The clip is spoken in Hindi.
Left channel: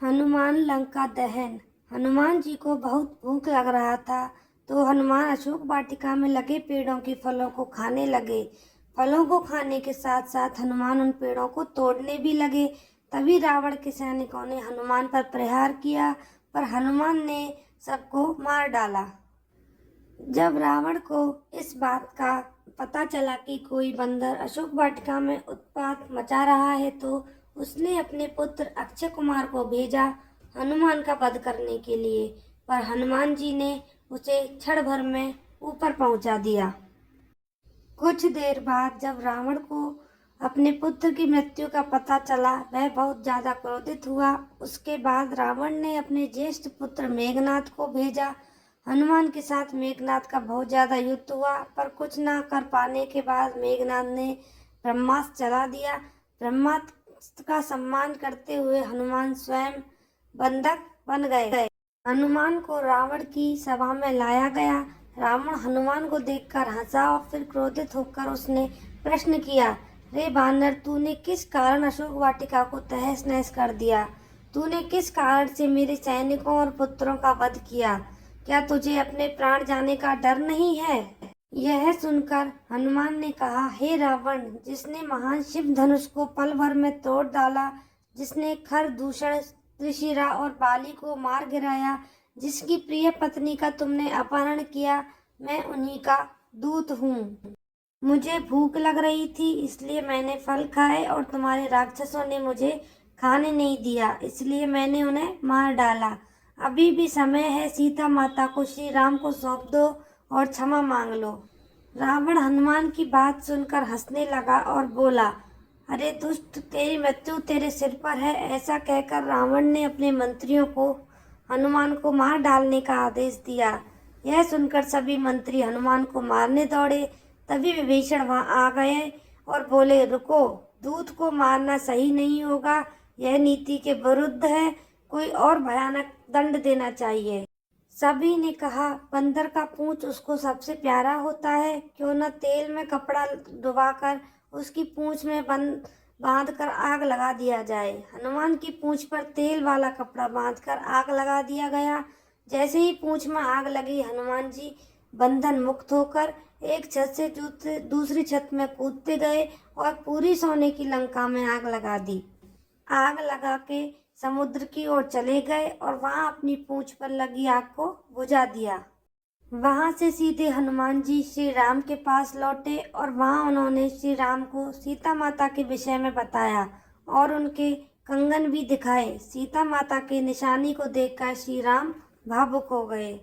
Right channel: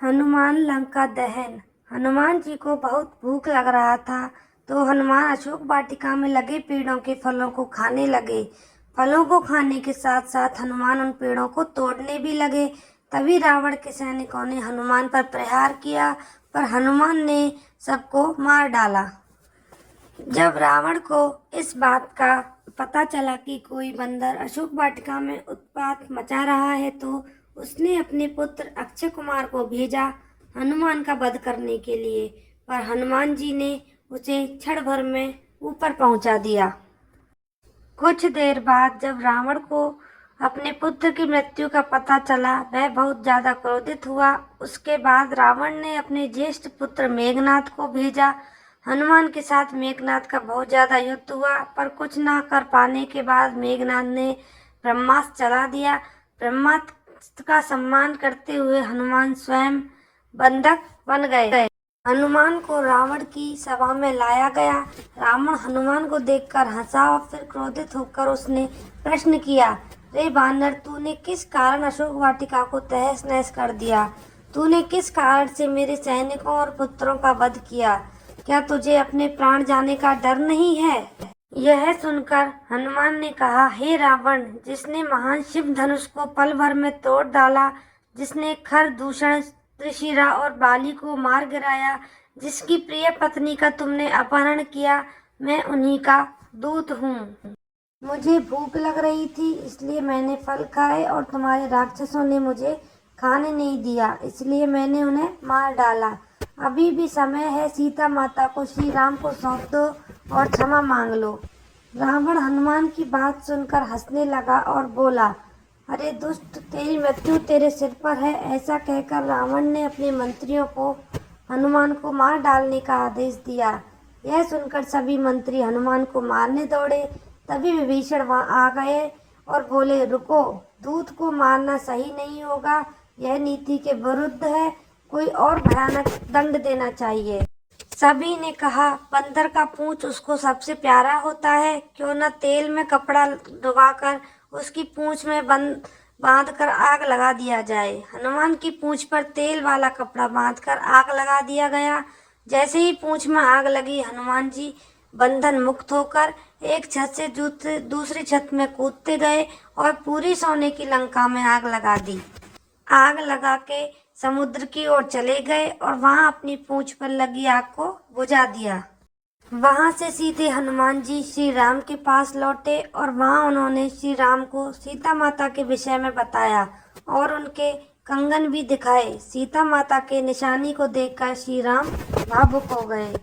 हनुमान लंका दहन। हनुमान जी को बहुत भूख लग रहा था, तो हनुमान अशोक वाटिका में लगे पेड़ों के फलों को खाने लगे। फलों को खाने के साथ साथ हनुमान उन पेड़ों को तोड़ने भी लगे। तभी रावण के सैनिकों ने हनुमान पर प्रहार किया, पर हनुमान ने सबको मार डाला। जब रावण को इस बात का पता चला कि कोई बंदर अशोक वाटिका में उत्पात मचा रहा है, तो उसने अपने पुत्र अक्षय कुमार को भेजा हनुमान का वध करने के लिए, पर हनुमान जी ने उसे क्षण भर में ऊपर पहुंचा दिया। कुछ देर बाद जब रावण को अपने पुत्र की मृत्यु का पता चला, वह बहुत ज्यादा क्रोधित हुआ। उसके बाद रावण ने अपने ज्येष्ठ पुत्र मेघनाद को भेजा। हनुमान के साथ मेघनाद का बहुत ज्यादा युद्ध हुआ, पर कुछ न कर पाने के बाद मेघनाद ने ब्रह्मास्त्र चला दिया। ब्रह्मास्त्र का सम्मान करते हुए हनुमान स्वयं बंधक बन गए। हनुमान को रावण की सभा में लाया गया। रावण हनुमान को देखकर हंसा और फिर क्रोधित होकर उसने प्रश्न किया, रे बानर, तूने किस कारण अशोक वाटिका को तहस नहस कर दिया? तूने किस कारण से मेरे सैनिकों और पुत्रों का वध किया? क्या तुझे अपने प्राण जाने का डर नहीं है? यह सुनकर हनुमान ने कहा, हे रावण, जिसने महान शिव धनुष को पल भर में तोड़ डाला, जिसने खर दूषण त्रिशिरा और बाली को मार गिराया, जिसकी प्रिय पत्नी का तुमने अपहरण किया, मैं उन्हीं का दूत हूँ। मुझे भूख लग रही थी, इसलिए मैंने फल खाए और तुम्हारे राक्षसों ने मुझे खाने नहीं दिया, इसलिए मैंने उन्हें मार डाला। अभी भी समय है, सीता माता को श्री राम को सौंप दो और क्षमा मांग लो। रावण हनुमान की बात सुनकर हंसने लगा और बोला, अरे दुष्ट, तेरी मृत्यु तेरे सिर पर है। ऐसा कहकर रावण ने अपने मंत्रियों को हनुमान को मार डालने का आदेश दिया। यह सुनकर सभी मंत्री हनुमान को मारने दौड़े। तभी विभीषण वहां आ गए और बोले, रुको, दूत को मारना सही नहीं होगा, यह नीति के विरुद्ध है, कोई और भयानक दंड देना चाहिए। सभी ने कहा, बंदर का पूंछ उसको सबसे प्यारा होता है, क्यों न तेल में कपड़ा डुबाकर उसकी पूंछ में बांधकर आग लगा दिया जाए। हनुमान की पूंछ पर तेल वाला कपड़ा बांधकर आग लगा दिया गया। जैसे ही पूंछ में आग लगी, हनुमान जी बंधन मुक्त होकर एक छत से दूसरी छत में कूदते गए और पूरी सोने की लंका में आग लगा दी। आग लगा के समुद्र की ओर चले गए और वहां अपनी पूंछ पर लगी आग को बुझा दिया। वहां से सीधे हनुमान जी श्री राम के पास लौटे और वहां उन्होंने श्री राम को सीता माता के विषय में बताया और उनके कंगन भी दिखाए। सीता माता के निशानी को देखकर श्री राम भावुक हो गए।